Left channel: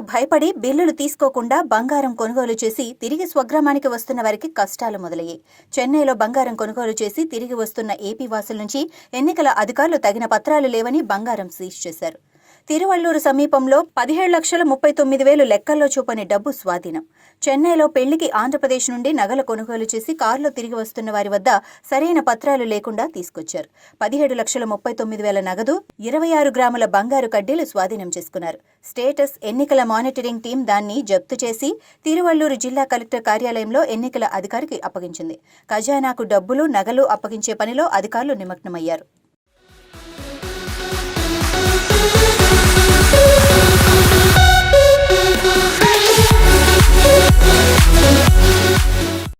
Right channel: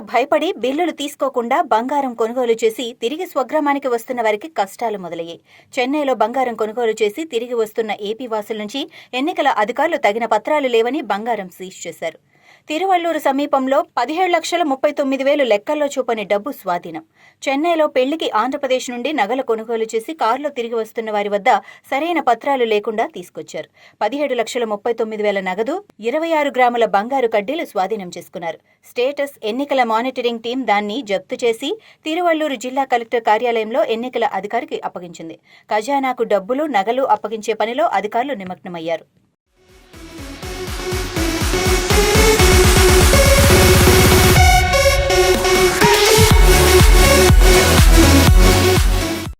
భయపడి బిల్లులు తీసుకోకుండా బంగారం కొనుగోలు చేసి తిరిగి స్వగ్రామానికి వస్తున్న వారికి కష్టాలు మొదలయ్యాయి. చెన్నైలో బంగారం కొనుగోలు చేసి తిరిగి వస్తున్న ఏపీ వాసుల నుంచి ఎన్నికల అధికారులు తగిన పత్రాలు లేవని బంగారం సీజ్ చేశారు. తిరువల్లూరు సమీపంలో పదిహేడు లక్షల ముప్పై తొమ్మిది వేలు లెక్కల్లో చూపని డబ్బు స్వాధీనం. చెన్నైలో పెళ్ళికి ఆంధ్రప్రదేశ్ నుండి నగల కొనుగోలు చేసి కారులో తిరిగి వస్తున్న వారి వద్ద సరైన పత్రాలు లేకుండా తీసుకొచ్చారు. పదిహేడు లక్షల ముప్పై తొమ్మిది వేల నగదు ఇరవై ఆరు గ్రాముల బంగారు కడ్డీలు స్వాధీనం చేసుకున్నారు. స్టేటస్ ఎన్నికల మానిటరింగ్ టీం దాన్ని జప్తు చేసి తిరువల్లూరు జిల్లా కలెక్టర్ కార్యాలయంలో ఎన్నికల అధికారికి అప్పగించింది. ఖజానాకు డబ్బులు నగలు అప్పగించే పనిలో అధికారులు నిమగ్నమయ్యారు.